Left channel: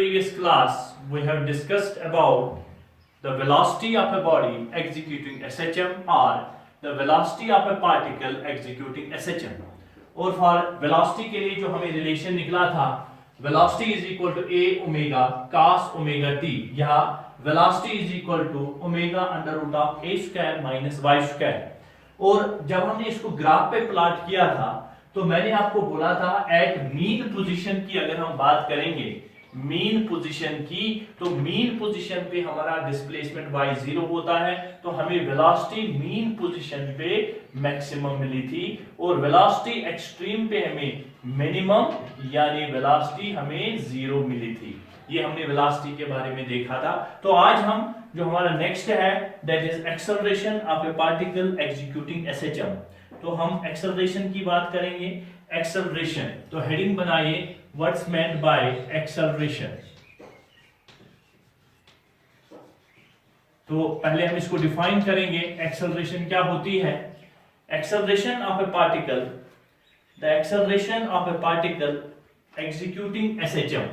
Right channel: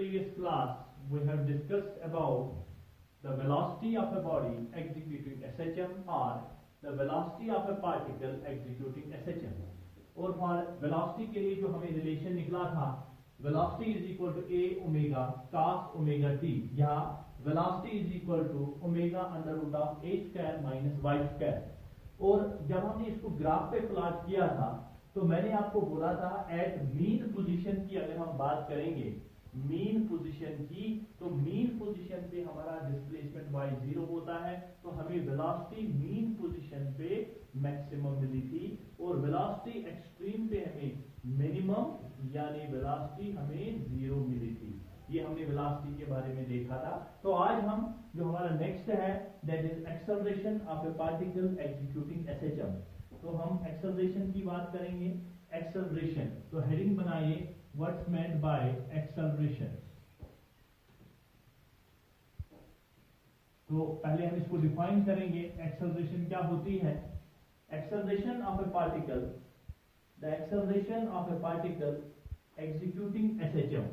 Previous class we have discussed about the velocity of a body executing SHM or the velocity of a particle executing SHM. और for velocity के लिए जो हमें relation निकला था velocity is equal to a omega cos omega t, यहाँ velocity is equal to omega under root of a square minus y square. और जब हमने इसको ग्राफ पे प्लॉट किया था तो मैंने आपको बोला था एट मीन पोजीशन की अगर हम बात करेंगे मीन पोजीशन की, तो मीन पोजीशन पे हमारा डिस्प्लेसमेंट y 0 होता है, तो हमें वेलोसिटी मीन पोजीशन पे मैक्सिमम मिली थी और वेलोसिटी एक्सट्रीम पे हमें मिनिमम यानी वेलोसिटी हमें 0 मिली थी। ये हमने वेलोसिटी के बारे में देखा था। तो आज हम जो हमारा नेक्स्ट है that is acceleration of a particle executing SHM. तो हम एक्सेलरेशन की बात करेंगे। एक्सेलरेशन, तो हेडिंग बनाइए व्हाट्स मेंट बाय एक्सेलरेशन। तो पहले हम इसको डिफाइन करेंगे एक्सेलरेशन क्या होती है। Acceleration of a particle, the acceleration of a particle executing SHM,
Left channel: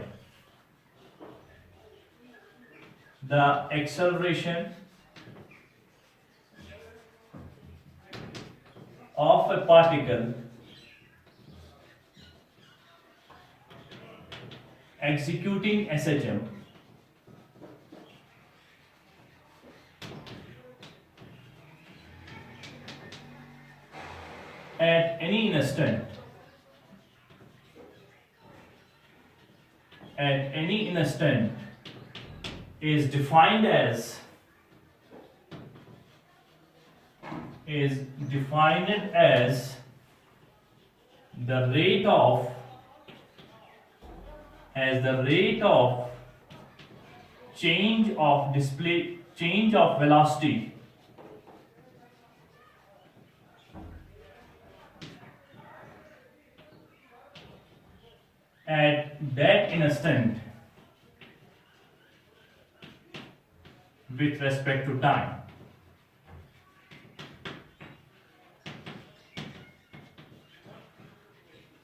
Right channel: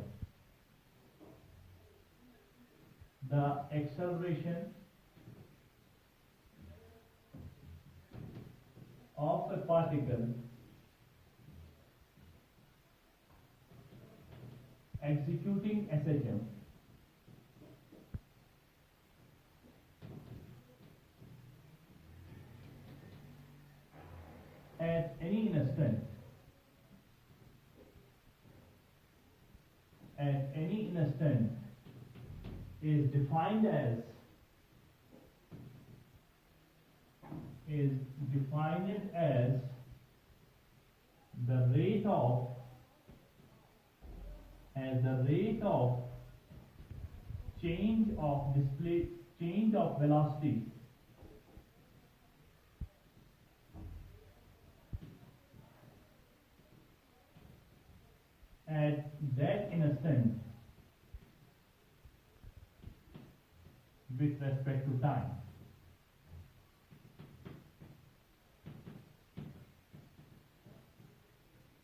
the acceleration of a particle executing SHM at any instant is defined as the rate of change of velocity at that instant with respect to time.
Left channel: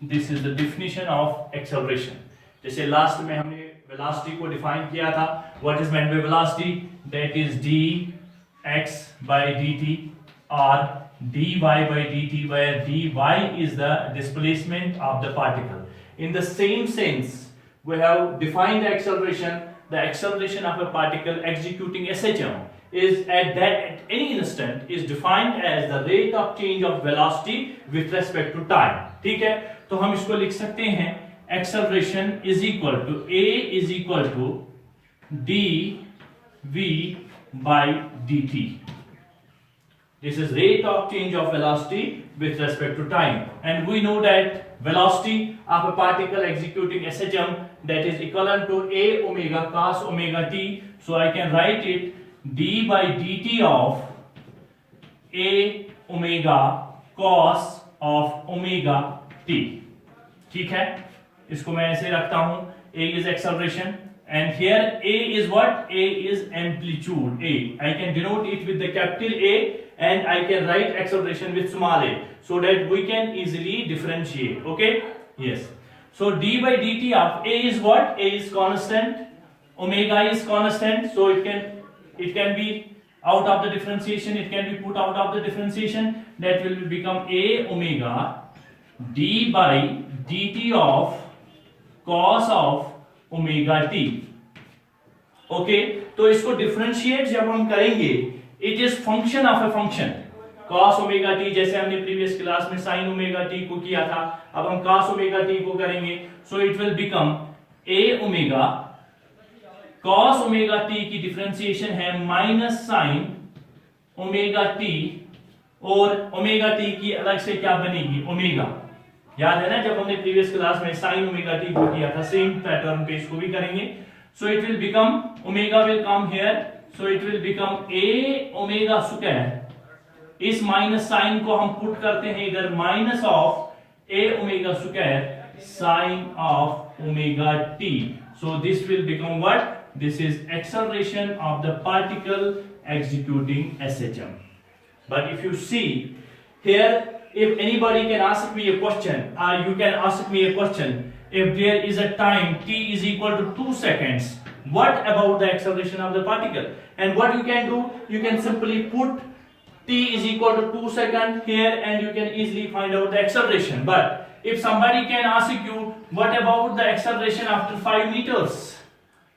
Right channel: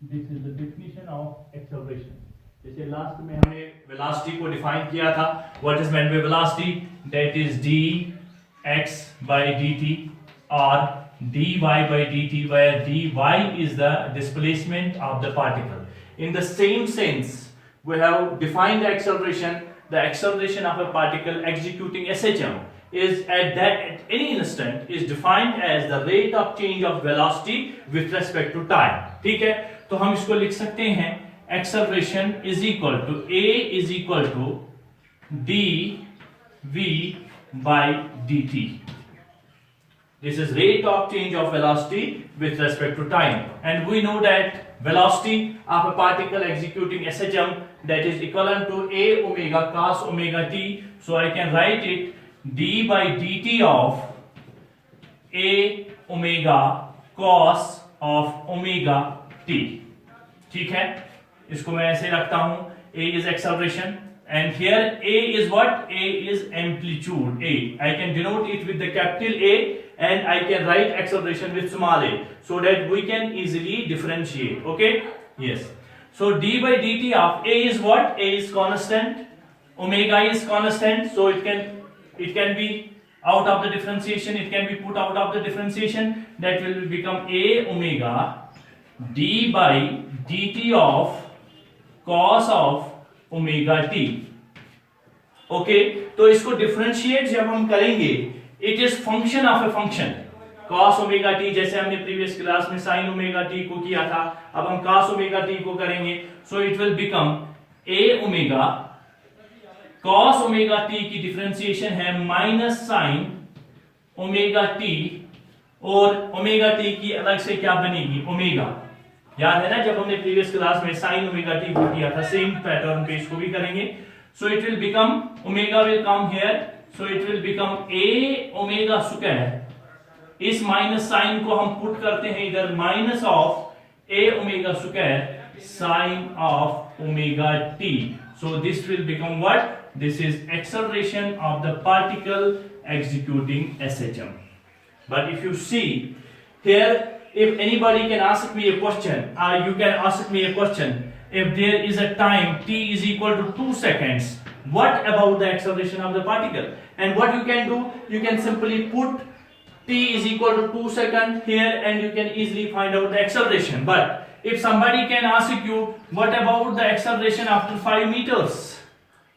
This is the definition of acceleration. जैसे last में हमने velocity को define किया था, what is meant by velocity, that is dx by dt or dy by dt, where dy is the displacement of the particle. In the same sense, we have defined the acceleration. The acceleration of a particle executing SHM is at any instant is defined as the rate of change of velocity with respect to time. ठीक है, तो हम इसको लिख सकते हैं acceleration is equal to a is equal to dv by dt. This is rate of change of velocity with respect to time, and we know that velocity of a particle executing SHM that is equivalent to a omega cos omega t. So I can write it d by dt of a omega cos of omega t. ठीक है, इसको मैं ऐसे रखता हूं, a is acceleration and here a is what? A is amplitude. I can denote it with the capital A and I can write acceleration with small a so that we can easily differentiate. Okay, yes. So d by dt of a is what? A is constant, omega is constant, so it can be out of the differentiation, it can be put out of the differentiation, that will become a omega d by dt of cos of omega t. Okay, तो इसको differentiate जब हम करेंगे, it is function of a function cos omega t, जैसे हमने previous class में sin omega t को किया था, अब हम cos ओमेगा t को करेंगे, सो it will become a omega cos omega t की डिफरेंशिएशन है माइनस sin ओमेगा t, और ओमेगा t की अलग से क्या बनेगी ओमेगा। याद है ना जब हमने प्रीवियस क्लास में sin ओमेगा t को किया था, सेम पैटर्न पे इसको भी करेंगे। सो it will become omega will come here, so it will become a omega square, इस माइनस साइन को हम पुट करते हैं इधर, minus of a omega square sine of omega t. So this will become what? This is acceleration of the particle executing SHM. But if you see here, if anybody can ask me a question, or you can ask me a question if there is a time t is equal to 2 seconds, what about the acceleration of the particle? And what you can do, you can simply put t is equal to 2 seconds here and you can easily find out the acceleration. But if somebody can ask you, what about the acceleration after 5 meters?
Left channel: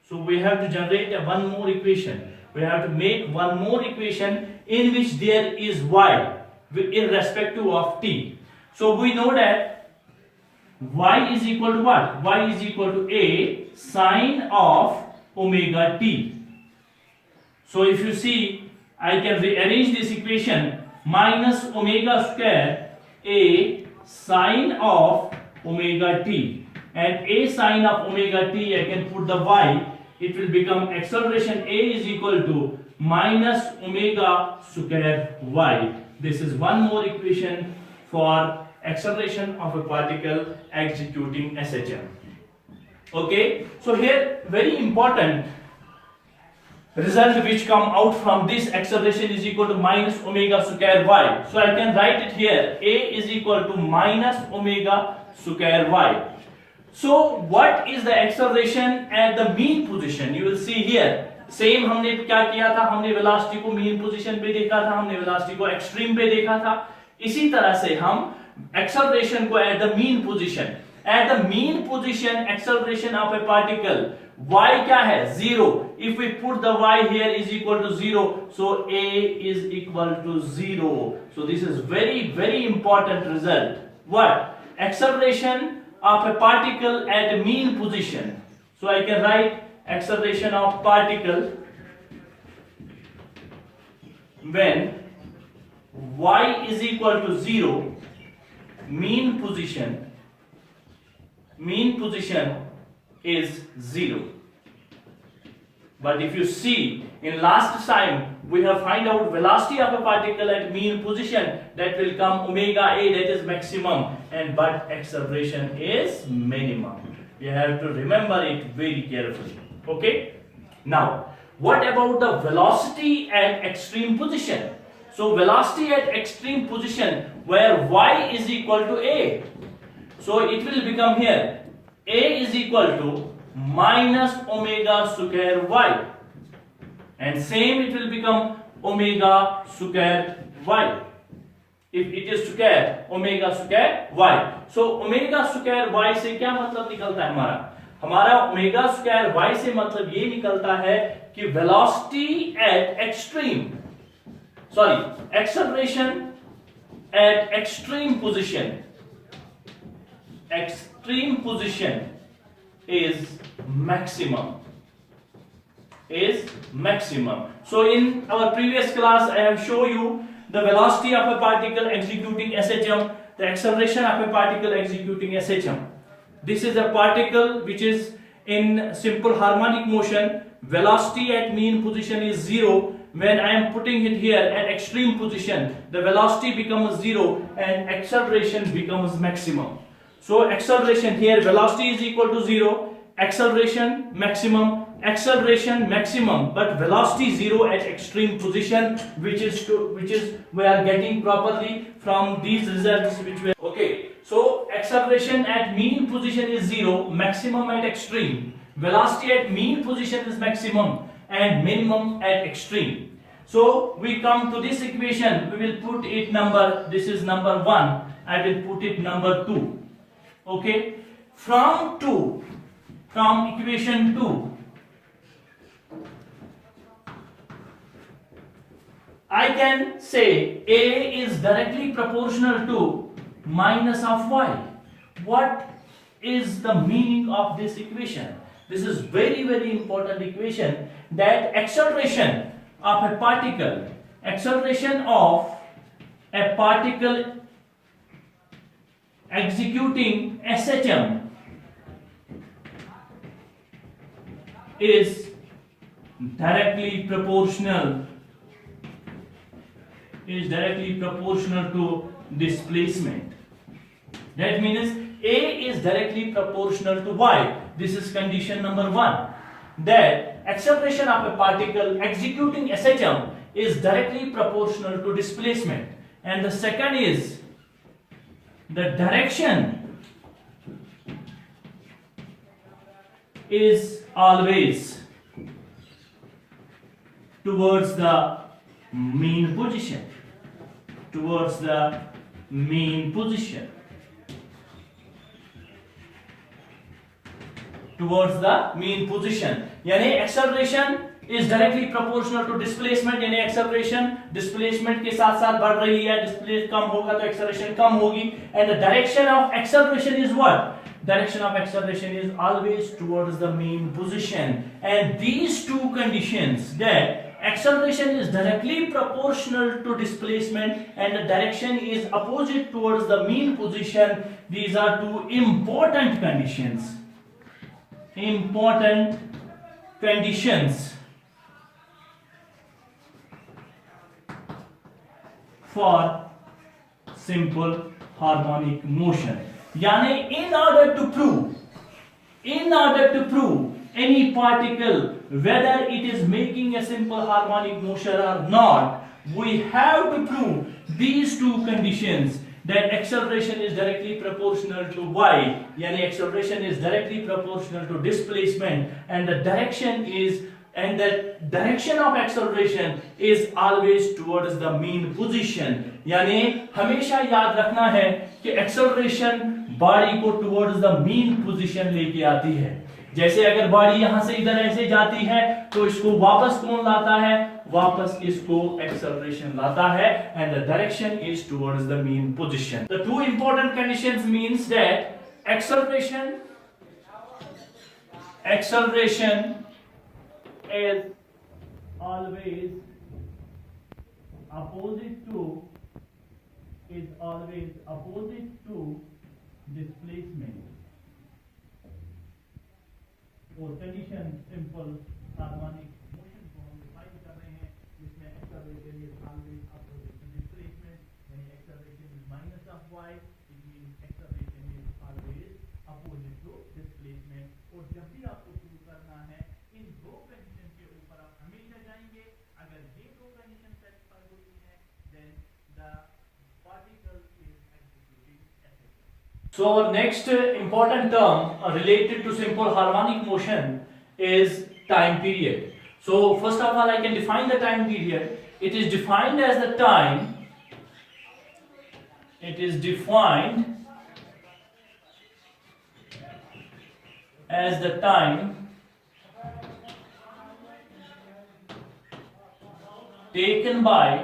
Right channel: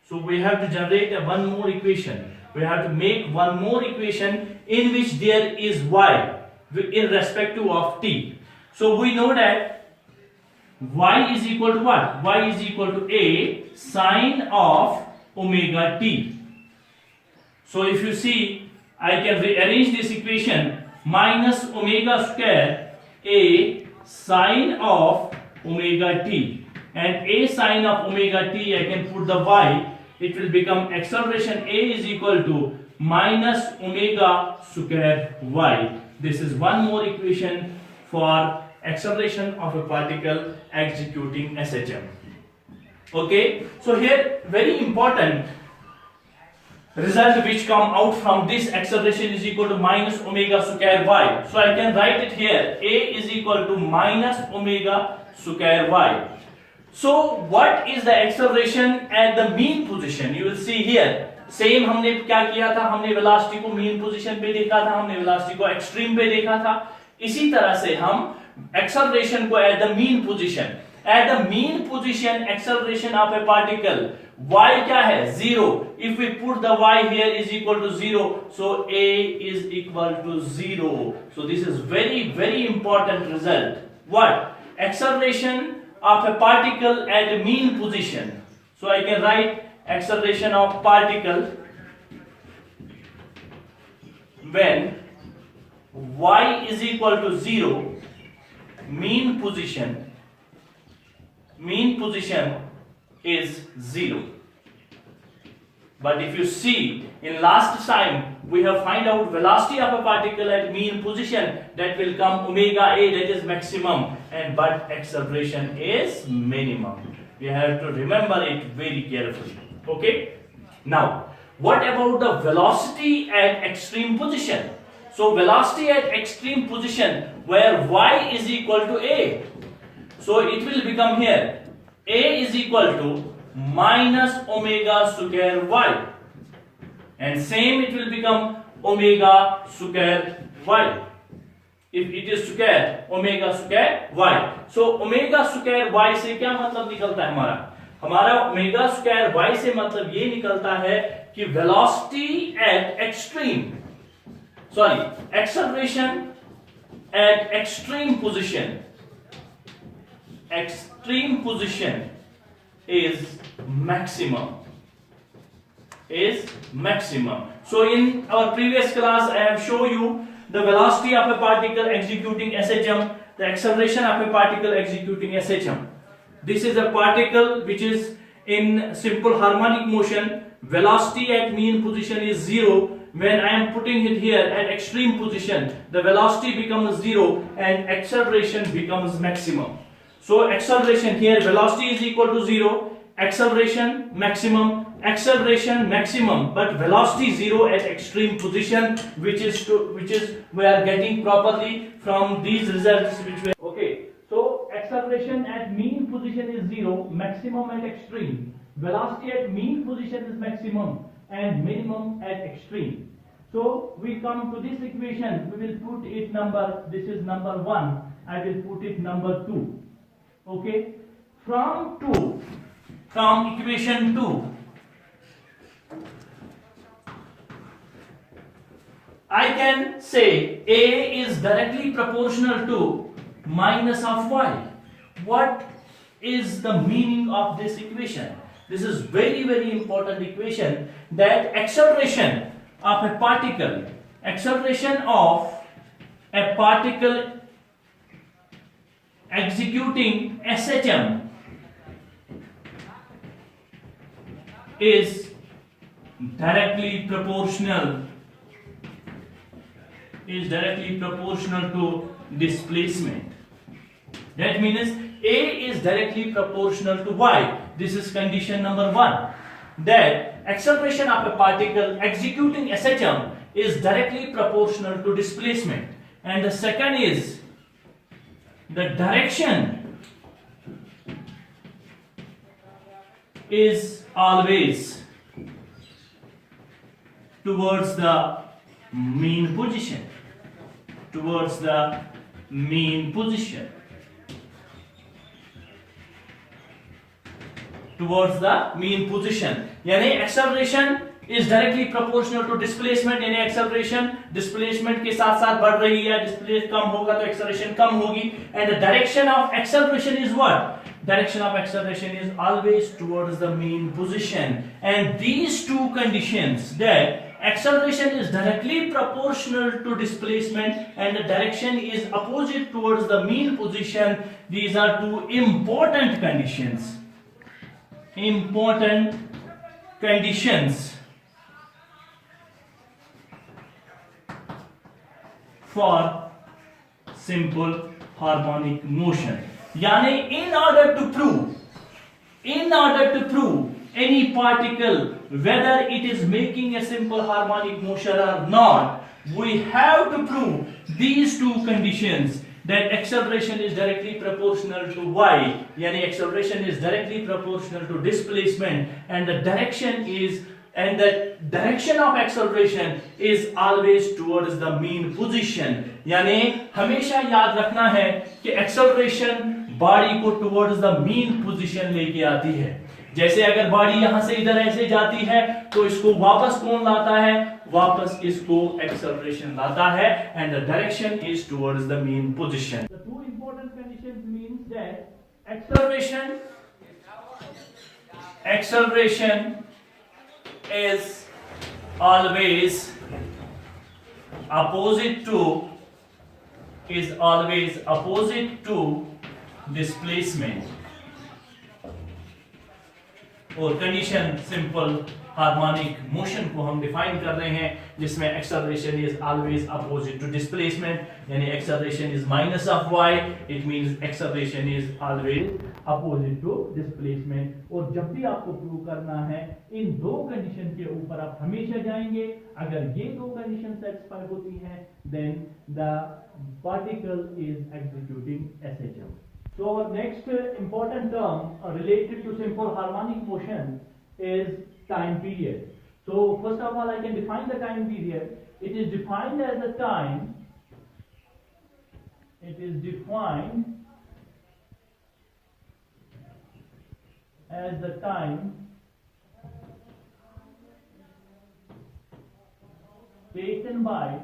So we have to generate one more equation. We have to make one more equation in which there is y irrespective of t. So we know that y is equal to what? Y is equal to a sine of omega t. So if you see, I can rearrange this equation, minus omega square a sine of omega t, and a sine of omega t, I can put the y, it will become acceleration a is equal to minus omega square y. This is one more equation for acceleration of a particle executing SHM. Okay, so here very important result which come out from this acceleration is equal to minus omega square y. So I can write it here, a is equal to minus omega square y. So what is the acceleration at the mean position? You will see here. Same हमने क्या किया था, हमने velocity को mean position पे देखा था, हमने वेलोसिटी को एक्सट्रीम पे देखा था. इसी तरह से हम एक्सेलरेशन को at the mean position, at the mean position acceleration of a particle y क्या है, 0. If we put the y here is equal to 0, so a is equal to 0. So this is very important result. What? Acceleration of a particle at a mean position. So I can write acceleration of particle when y is equal to 0, mean position is 0. But if you see, in last time we have find out velocity of a particle at mean position, that will come omega a, that is maximum, and but acceleration is minimum. You have to remember it very carefully. Okay, now what about the velocity at extreme position? So velocity at extreme position where y is equal to a, so it will become here a is equal to minus omega square y, and same it will become omega square y. If it is square, omega square y. So omega square y से क्या मतलब निकलता है हमारा omega square y से मतलब ये निकलता है कि velocity at extreme, sorry acceleration at extreme position is maximum. So in our previous class I have shown you the velocity of a particle executing SHM, the acceleration of a particle executing SHM. This is a particle which is in simple harmonic motion. Velocity at mean position is 0. When I am putting it here at extreme position, the velocity becomes 0 and acceleration becomes maximum. So acceleration here, velocity is equal to 0, acceleration maximum, but velocity 0 at extreme position, which is we are getting properly from these results which we are, okay. So acceleration at mean position is 0, maximum at extreme. Velocity at mean position is maximum and minimum at extreme. So we come to this equation, we will put it number, this is number 1, I will put it number 2. Okay, from equation 2, I can say A is directly proportional to minus of y. What is the meaning of this equation? This is very important equation, that acceleration of a particle executing SHM is directly proportional to displacement. That means A is directly proportional to y. This is condition number 1, that acceleration of a particle executing SHM is directly proportional to displacement. And the second is the direction is always towards the mean position, towards the mean position, towards the mean position. यानी acceleration is directly proportional to displacement, यानी acceleration displacement के साथ साथ बढ़ रही है, displacement कम होगा तो acceleration कम होगी, and the direction of acceleration is what? Direction of acceleration is always towards the mean position, and these two conditions, that acceleration is directly proportional to displacement and the direction is opposite towards the mean position, these are two important conditions. Important conditions for simple harmonic motion. यानी in order to prove any particle whether it is making a simple harmonic motion or not, we have to prove these two conditions, that acceleration is directly proportional to y, yani acceleration is directly proportional to displacement, and the direction of acceleration is always towards the mean position. यानी हमेशा याद रखना है कि acceleration body को towards the mean position लेके आती है. जैसे अगर बॉडी यहां से इधर ऐसे जाती है तो इसको वापस कौन लाता है? वापस इसको acceleration लाता है, and the direction is towards the mean position. The two important conditions means that acceleration is always opposite to displacement. और कंडीशन सिंपल हार्मोनिक मोशन को हम डिफाइन कर रहे हैं, जिसमें acceleration is always opposite to displacement, यानी acceleration is minus of y, it means acceleration is always opposite to displacement. और जब भी आपको प्रूव करना है इन दो कंडीशन के ऊपर आप हमेशा जाएंगे. अगर ये दो कंडीशन सेटिस्फाई होती हैं then the particle is executing SHM. So our next important term related to simple harmonic motion is time period. So first of all I can define the time period. It is defined as the time taken by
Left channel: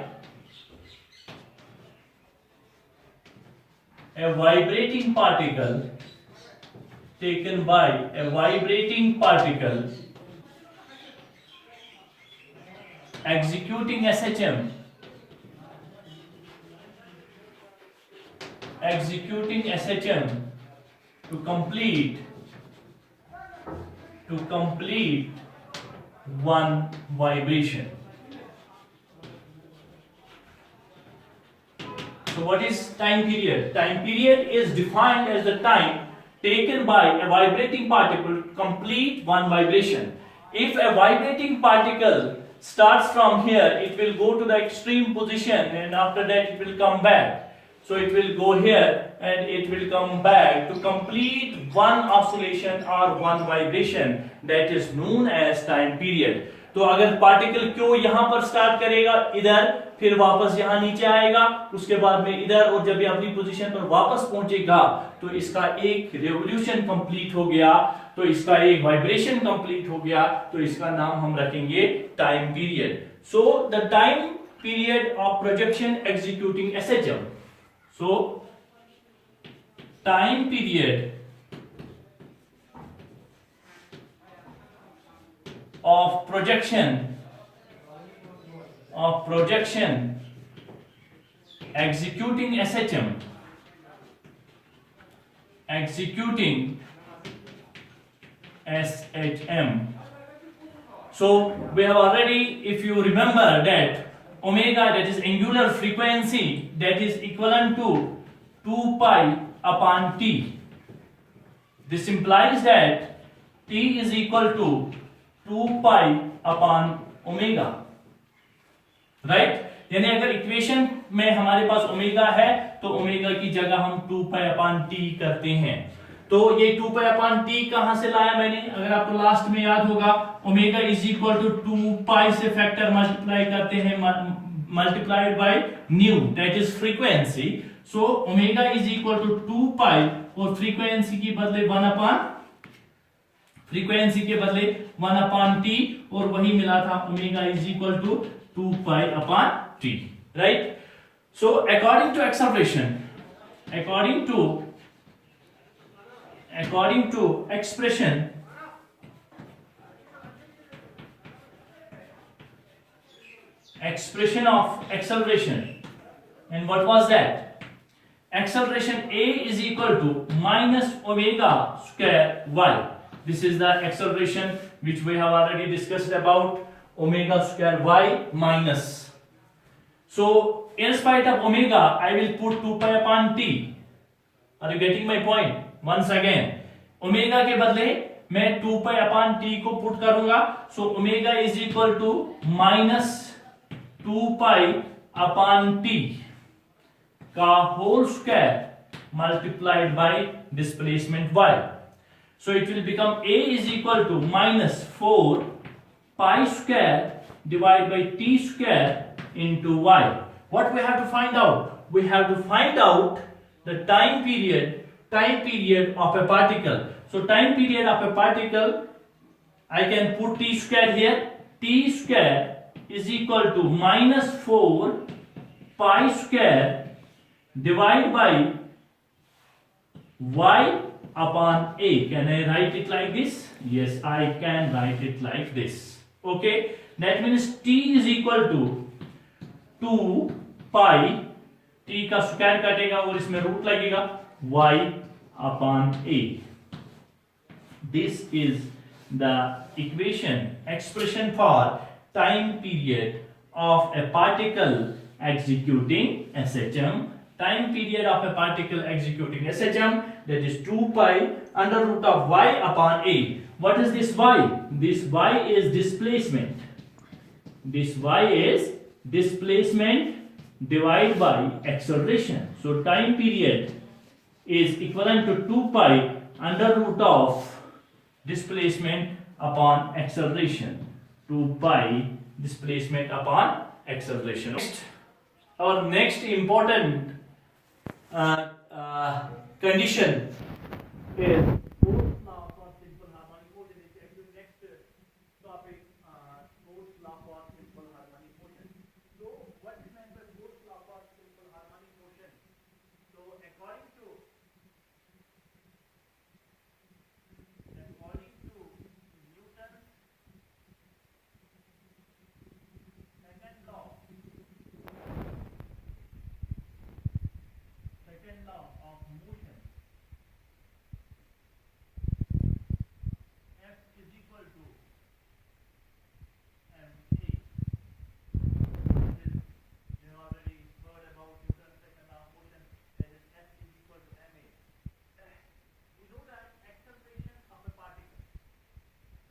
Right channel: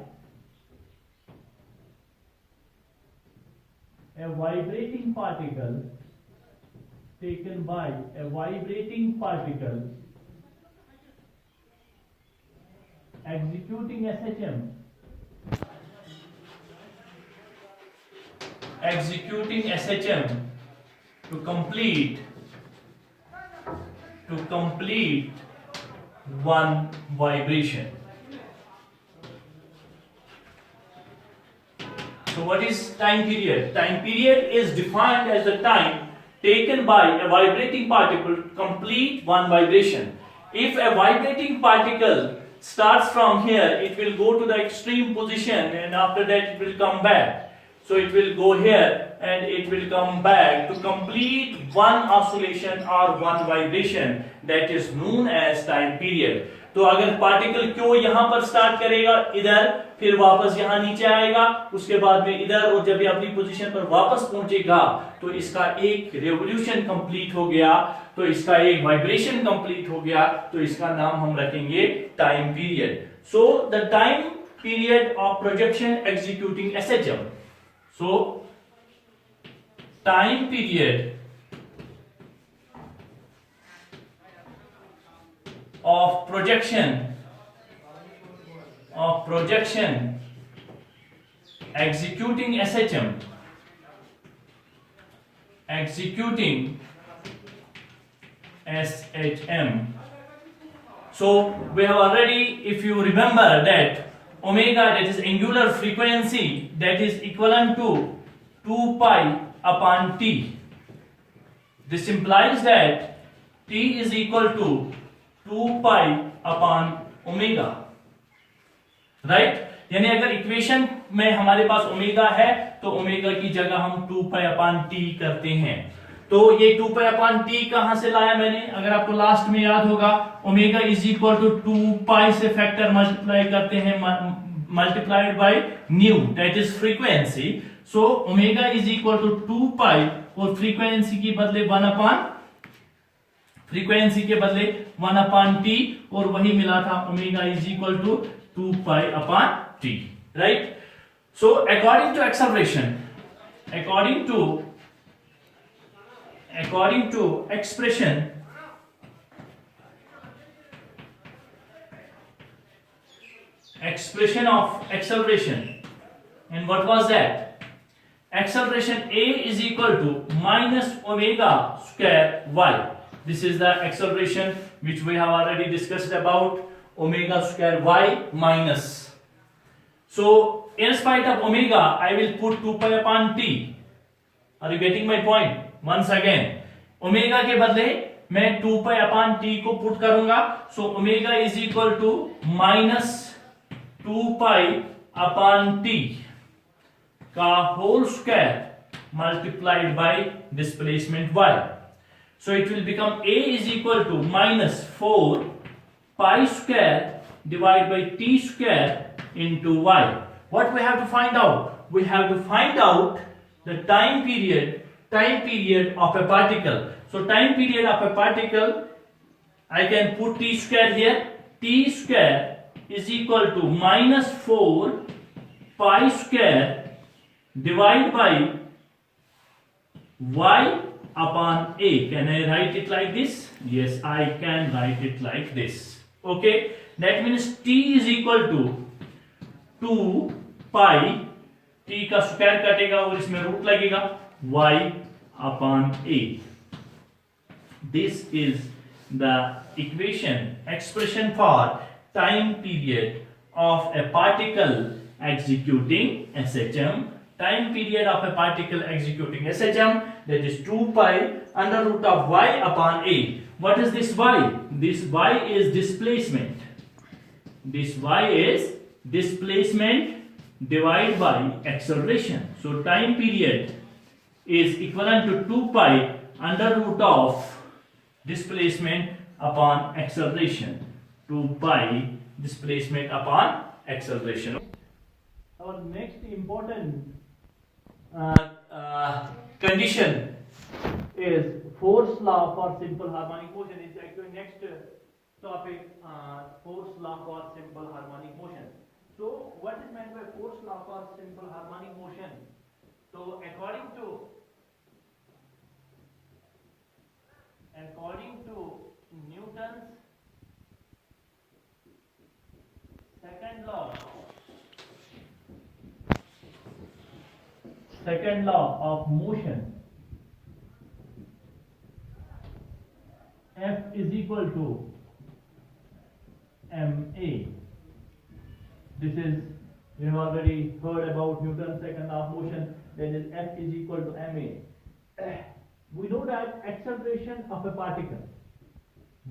a vibrating particle executing SHM to complete one vibration. So what is time period? Time period is defined as the time taken by a vibrating particle to complete one vibration. If a vibrating particle starts from here, it will go to the extreme position and after that it will come back. So it will go here and it will come back to complete one oscillation or one vibration, that is known as time period. तो अगर particle क्यों यहां पर start करेगा इधर, फिर वापस यहां नीचे आएगा, उसके बाद में इधर, और जब ये अपनी पोजीशन पर वापस पहुंचेगा तो इसका एक रेवोल्यूशन कंप्लीट हो गया, तो इसका एक वाइब्रेशन कंप्लीट हो गया, तो इसका नाम हम रखेंगे time period. So the time period of projection executing SHM. So time period of projection executing SHM So we have already, if you remember, that omega, that is angular frequency, that is equivalent to 2 pi upon t. This implies that t is equal to 2 pi upon omega, right? यानी अगर equation में हमारे पास omega है तो omega की जगह हम 2 pi upon t करते हैं. तो ये 2 पाई अपॉन टी कहां से लाया मैंने, अगर आपको लास्ट में याद होगा, omega is equal to 2 pi से फैक्टर मल्टीप्लाई करते हैं, multiplied by nu, that is frequency. So omega is equal to 2 pi और फ्रीक्वेंसी के बदले 1 अपॉन टी, और वही मिला था omega is equal to 2 pi upon T, right. So according to acceleration, according to expression of acceleration, and what was that? Acceleration A is equal to minus omega square y. This is the acceleration which we have already discussed about, omega square y minus. So in spite of omega, I will put 2 pi upon t. Are you getting my point? Once again, omega के बदले मैं 2 pi upon T को put करूंगा. So omega is equal to minus 2 pi upon T का whole square multiplied by displacement y. So it will become a is equal to minus 4 pi square divide by T square into y. What we have to find out? We have to find out the time period of a particle. So time period of a particle, I can put t square here. T square is equal to minus 4 pi square divided by y upon a. Can I write it like this? Yes, I can write it like this. Okay, that means t is equal to 2 pi, t का square कटेगा और इसमें root लगेगा, y upon a. This is the expression for time period of a particle executing SHM. Time period of a particle executing SHM, that is 2 pi under root of y upon a. What is this y? This y is displacement. This y is displacement divided by acceleration. So time period is equivalent to 2 pi under root of displacement upon acceleration. 2 pi displacement upon acceleration. Our next important condition is Force law for simple harmonic motion. Is actually next topic, Force law for simple harmonic motion. So what is meant by force law for simple harmonic motion? So according to Newton's second law of motion, F is equal to ma. This is, you have already heard about Newton's second law of motion. Then is F is equal to ma. We know that acceleration of a particle.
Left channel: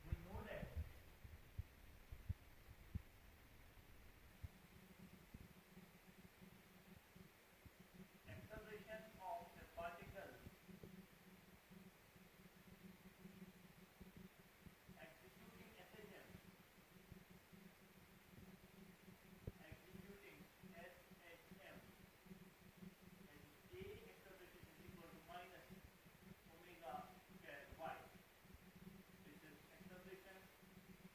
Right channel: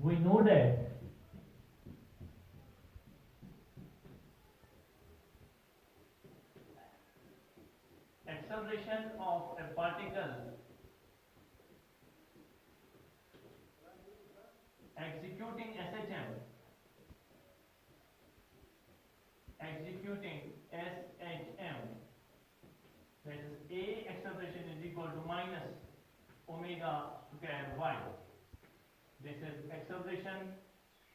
We know that acceleration of a particle executing SHM, that is A acceleration is equal to minus omega square y. This is acceleration.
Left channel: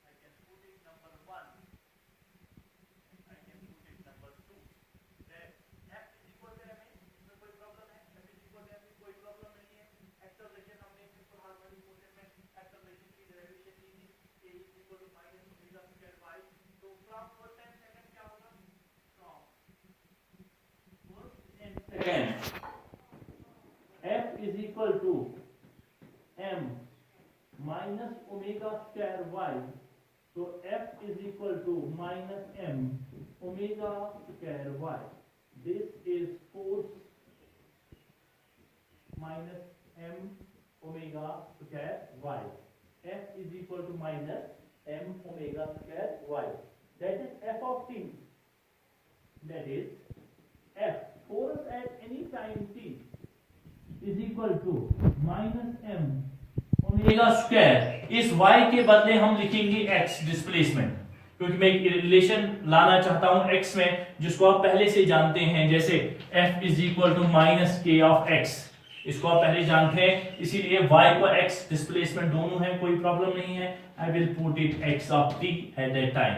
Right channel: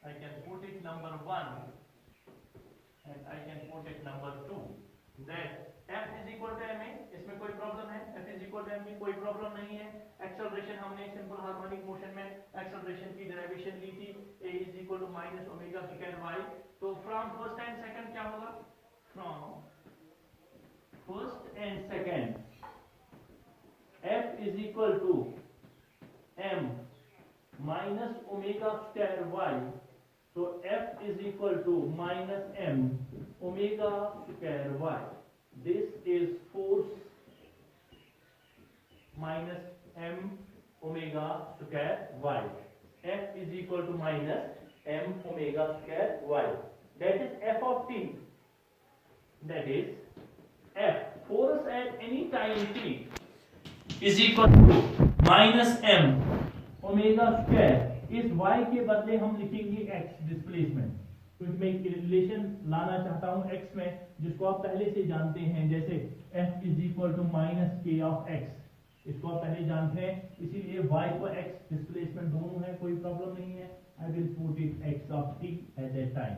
I can put it number 1 and I can put it number 2. That F is equal to ma. इसमें कोई problem है? F is equal to ma, कोई problem नहीं है. Acceleration हमने simple harmonic motion में acceleration की derivation ली थी. A is equal to minus omega square y. तो from first and second क्या होगा? From first and second, F is equal to m minus omega square y. So F is equal to minus m omega square y. This is force minus m omega square y. F is equal to minus m omega square y. That is f of t. That is F. Force at any time t is equal to minus m omega square. इस y के बदले हम लिखेंगे x displacement, क्योंकि मैं एक relation लाना चाहता हूं x में जिसको आप पहले से जानते हैं, जैसे f is equal to minus k of x, इसको आप पहले जानते हैं, इसीलिए y को x डिस्प्लेसमेंट दोनों है, कोई प्रॉब्लम नहीं है। I will put it x of t at that time.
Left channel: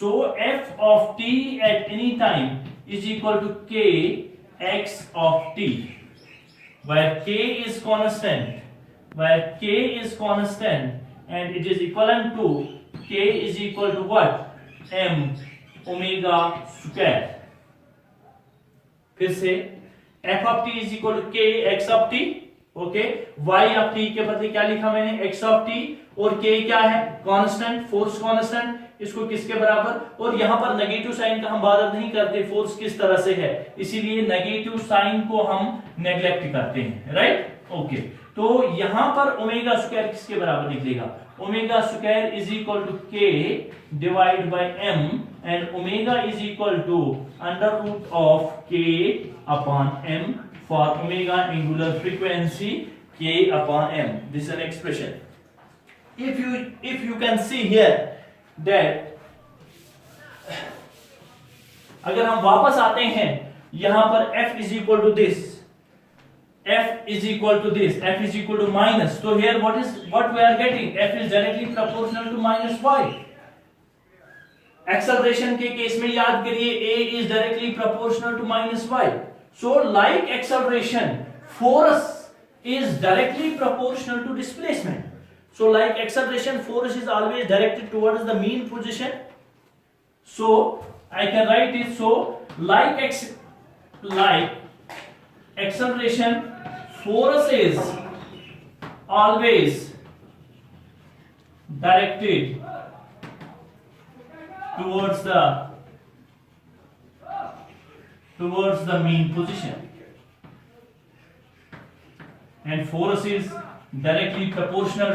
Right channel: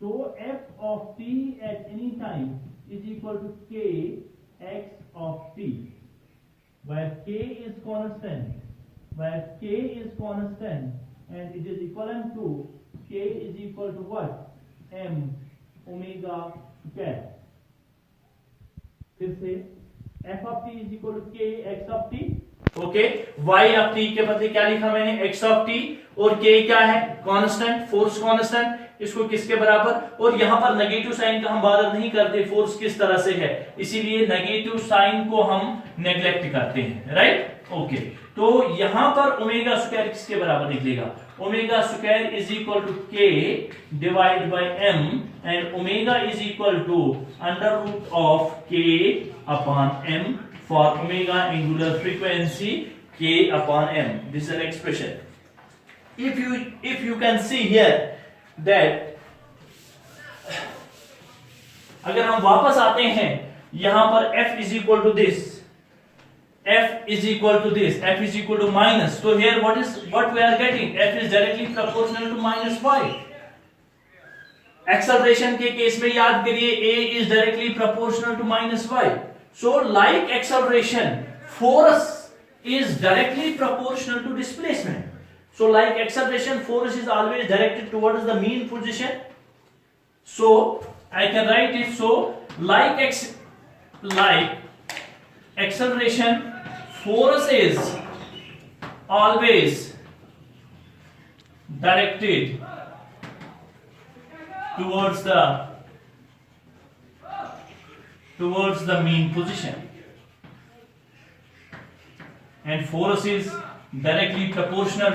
So f of t at any time is equal to k x of t, where k is constant and it is equivalent to k is equal to what? m omega square। फिर से f of t is equal to k x of t, okay. y of t के बदले क्या लिखा मैंने? x of t, और k क्या है? कांस्टेंट, फोर्स कांस्टेंट, इसको किसके बराबर? और यहां पर नेगेटिव साइन का हम बात नहीं करते, फोर्स किस तरह से है, इसीलिए नेगेटिव साइन को हम नेग्लेक्ट करते हैं, राइट, ओके। तो यहां पर ओमेगा स्क्वायर किसके बराबर निकलेगा? Omega square is equal to k divide by m, and omega is equal to under root of k upon m for omega angular frequency k upon m। This is an expression. if you can see here that अगर हम वापस आते हैं यहां पर f is equal to this, f is equal to this, f is equal to minus, so here what we are getting? f is directly proportional to minus y। Acceleration के case में याद करिए a is directly proportional to minus y, so like acceleration force is directly proportional to displacement। So like acceleration, force is always directed towards the mean position, so I can write it so like acceleration, force is always directed towards the mean position, and force is directly proportional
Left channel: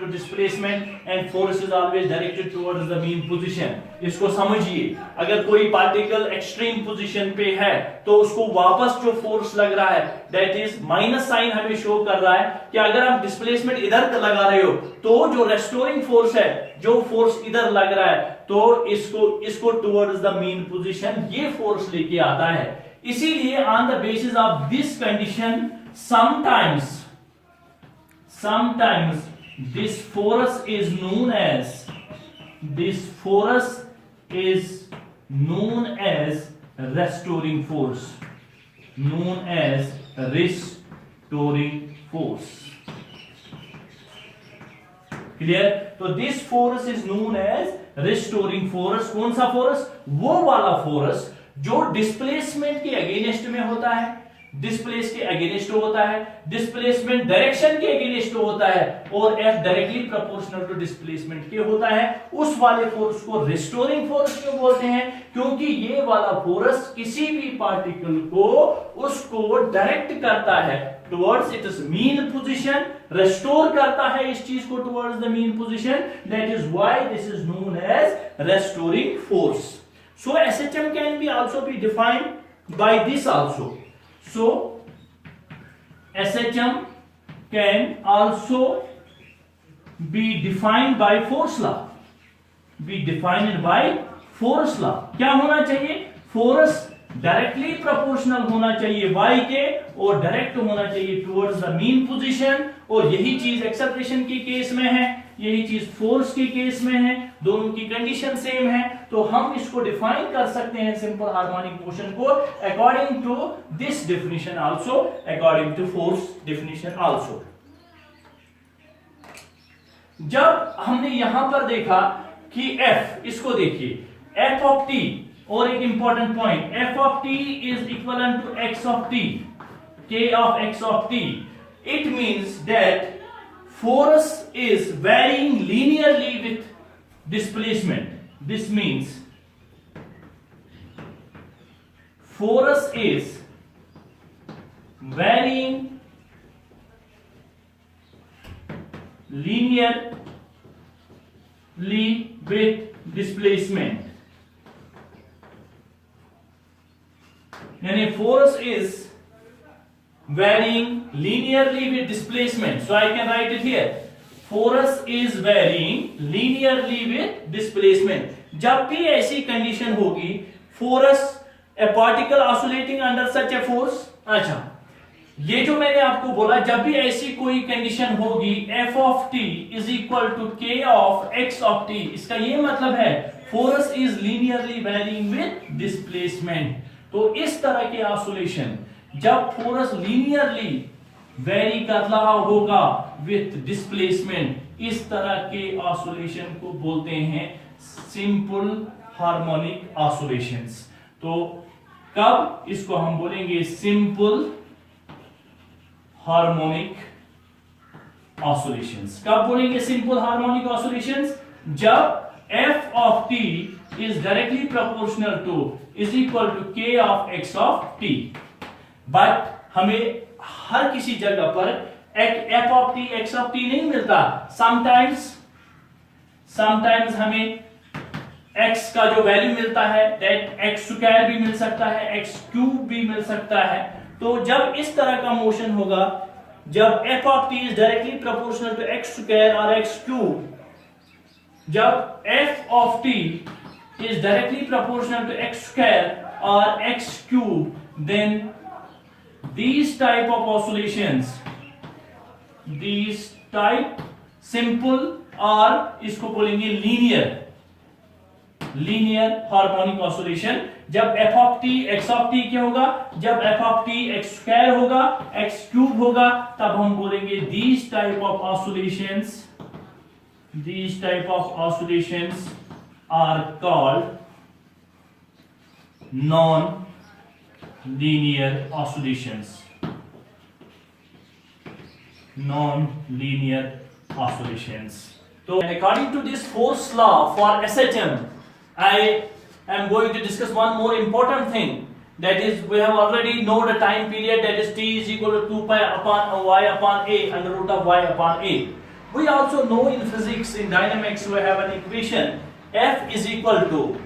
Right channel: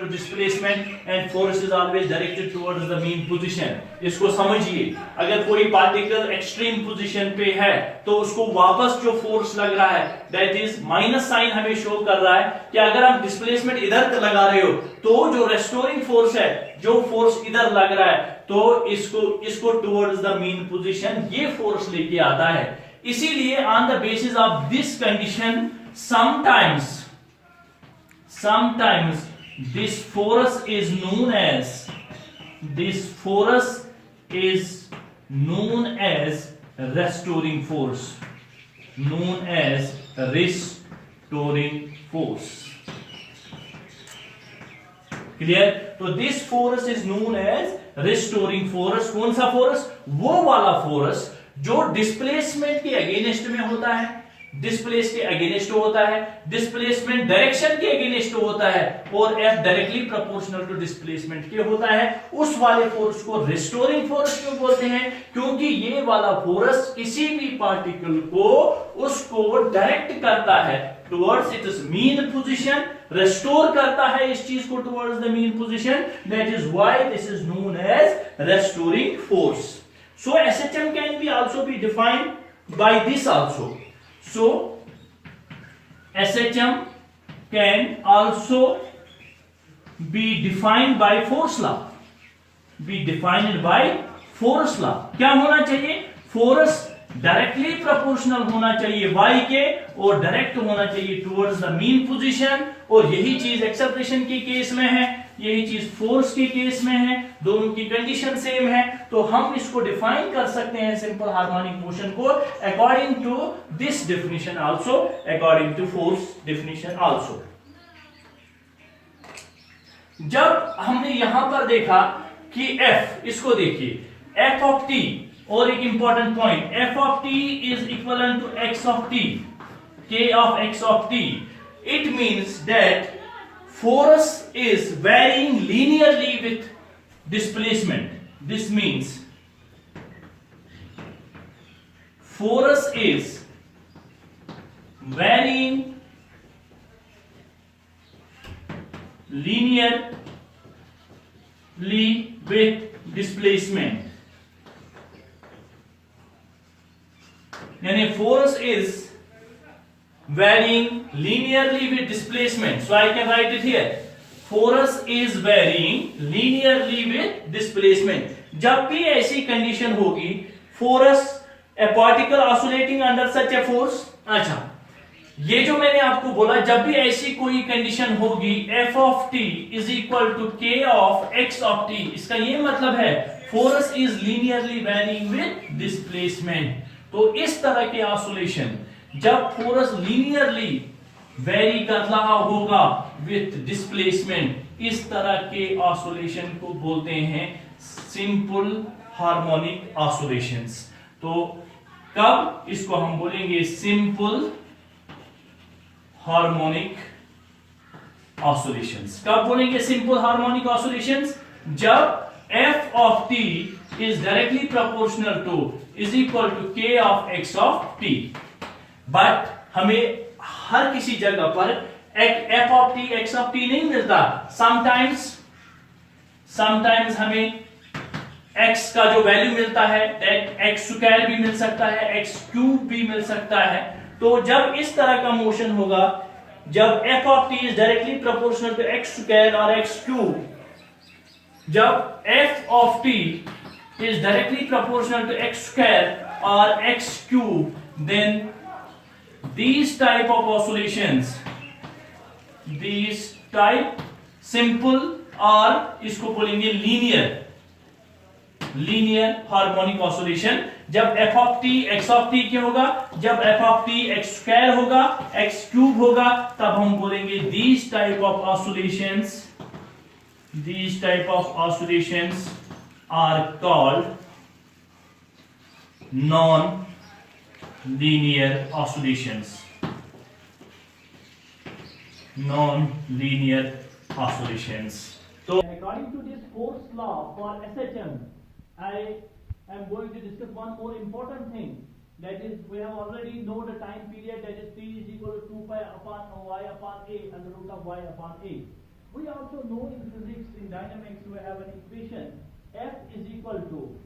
to displacement, and force is always directed towards the mean position। इसको समझिए, अगर कोई particle extreme position पे है तो उसको वापस जो फोर्स लग रहा है दैट इज माइनस साइन हमें शो कर रहा है कि अगर आप डिस्प्लेसमेंट इधर लगा रहे हो तो जो रेस्टोरिंग फोर्स है, जो फोर्स इधर लग रहा है, तो इसको टुवर्ड्स द मीन पोजीशन ये फोर्स लेके आता है। इसीलिए on the basis of this condition sometimes this force is known as restoring force, clear? तो this force is known as restoring force. कौन सा फोर्स? वो वाला फोर्स जो डिस्प्लेसमेंट के अगेंस्ट में होता है, डिस्प्लेस के अगेंस्ट होता है, डिस्प्लेसमेंट डायरेक्शन के अगेंस्ट होता है, और F directly proportional to displacement के होता है। उस वाले फोर्स को रिस्टोरिंग फोर्स क्यों बोलते हैं? क्योंकि ये वाला फोर्स किसी भी पार्टिकल को उसको डायरेक्ट करता है towards its mean position, restore करता है इस चीज को towards the mean position. That is why this is known as restoring force. So SHM can be also be defined by this also. So SHM can also be defined by force law, क्या होना चाहिए? Force directly proportional होना चाहिए y के, और direct होना चाहिए towards the mean position, और यही चीज एक्सेलरेशन के केस में है, यही चीज फोर्स के केस में है, दोनों की कंडीशन सेम है। तो हम इसको डिफाइन कर सकते हैं सिंपल हार्मोनिक मोशन को according to this definition also, according to force definition also. जब हमने यहां पर देखा कि f, इसको देखिए f ऑफ t, और एक important point, f of t is equal to x of t, k of x of t, it means that force is varying linearly with displacement। This means force is varying linearly with displacement, यानी force is varying linearly with displacement. So I can write it here. Force is varying linearly with displacement. जब भी ऐसी condition होगी, force a particle oscillating under such a force. अच्छा, ये जो मैंने आपको बोला, जब भी ऐसी कोई कंडीशन होगी, f of t is equal to k of x of t. इसका ये मतलब है force is linearly varying with displacement. तो इस तरह के ऑसिलेशन जब फोर्स लीनियरली वेरी कर रहा होगा विथ डिस्प्लेसमेंट, इस तरह के ऑसिलेशन को बोलते हैं सिंपल हार्मोनिक ऑसिलेशंस. तो कब इसको हम बोलेंगे सिंपल हार्मोनिक ऑसिलेशंस. कब बोलेंगे सिंपल हार्मोनिक ऑसिलेशंस? जब f of t is directly proportional to is equal to k of x of t. But हमें हर किसी जगह पर f of t x of t नहीं मिलता. समटाइम्स हमें x का जो वैल्यू मिलता है दैट x स्क्वायर भी मिल सकता है, x क्यूब भी मिल सकता है. तो जब इस तरह का मोशन होगा, जब f of t is directly proportional to x square और x क्यूब, जब f of t is directly proportional to x square or x cube, then these type of oscillations, these type simple or इसको बोलेंगे linear harmonic oscillation. जब f of t x of t क्या होगा? जब f of t x square होगा, x cube होगा, तब हम बोलेंगे these type of oscillations are called non-linear oscillations. So according to this force law for SHM, I am going to discuss one more important thing. That is, we have already know the time period, that is t is equal to 2 pi upon y upon a under root of y upon a. We also know in physics, in dynamics, we have an equation F is equal to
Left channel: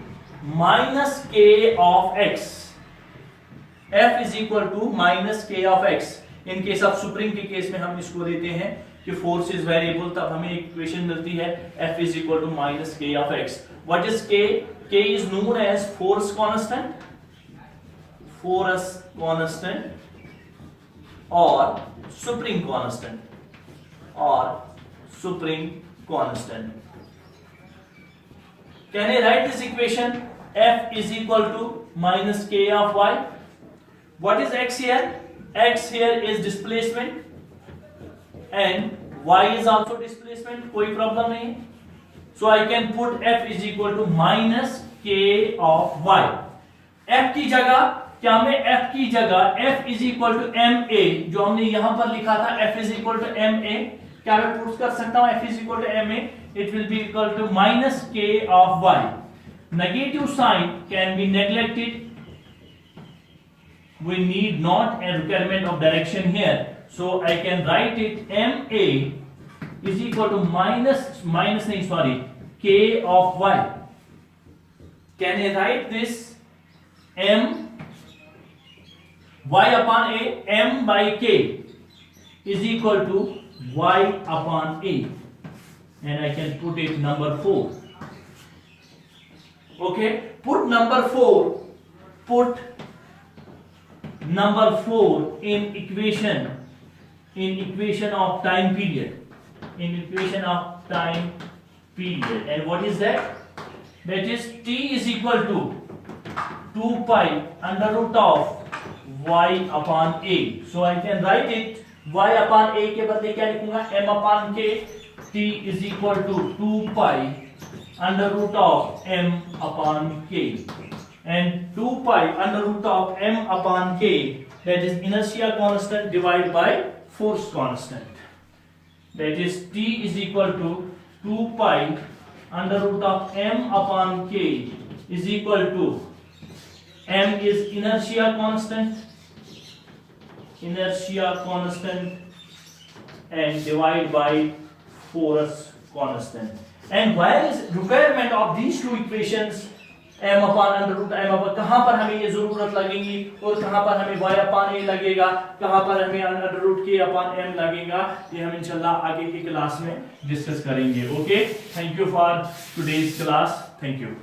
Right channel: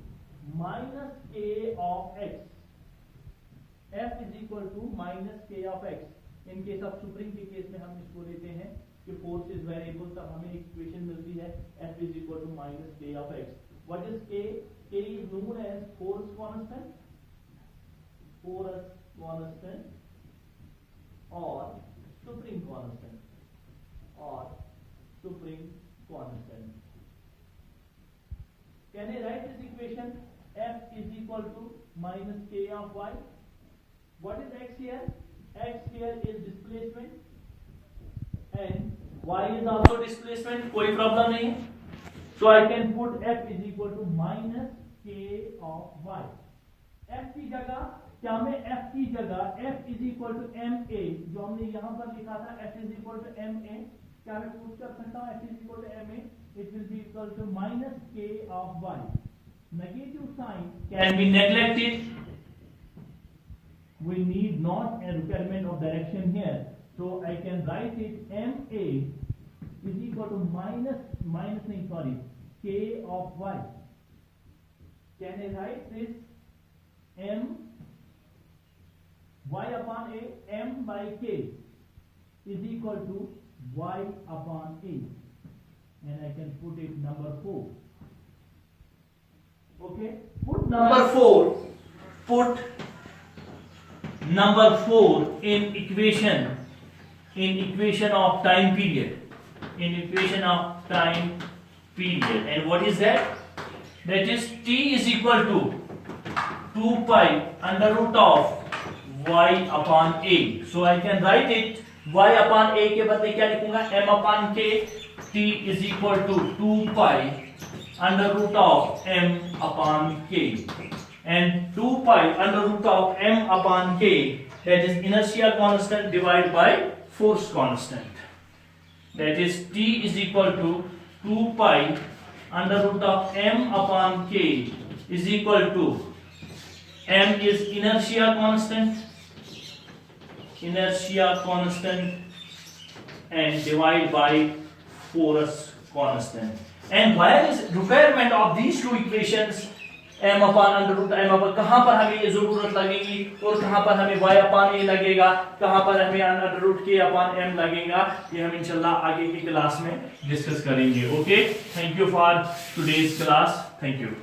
minus k of x. F is equal to minus k of x. In case of spring के case में हम इसको देते हैं कि force is variable, तब हमें equation मिलती है F is equal to minus k of x. What is k? K is known as force constant or spring constant. Can I write this equation? F is equal to minus k of y. What is x here? X here is displacement and y is also displacement. कोई problem नहीं. So I can put F is equal to minus k of y. F की जगह क्या, मैं F की जगह F is equal to ma, जो हमने यहां पर लिखा था F is equal to ma, क्या मैं पुट कर सकता हूं F is equal to ma? It will be equal to minus k of y. Negative sign can be neglected. We need not a requirement of direction here, so I can write it ma is equal to k of y. Can I write this m y upon a, m by k is equal to y upon a, and I can put it number 4. Okay, put number 4 in equation of time period, and what is that? That is t is equal to 2 pi under root of y upon a. So I can write it y upon a के बदले क्या लिखूंगा? m upon k. T is equal to 2 pi under root of m upon k, and 2 pi under root of m upon k, that is inertia constant divided by force constant. That is T is equal to 2 pi under root of m upon k is equal to, m is inertia constant and divide by force constant. And where is requirement of these two equations? m upon under root m upon, कहाँ पर हमें ये जरूरत लगेगी और कहाँ पर हमें y अपान a लगेगा, कहाँ पर हमें अंडर रूट k अपान m लगेगा, ये हम इंशाल्लाह आगे की क्लास में डिस्कस करेंगे. Okay, thank you for today's class. Thank you.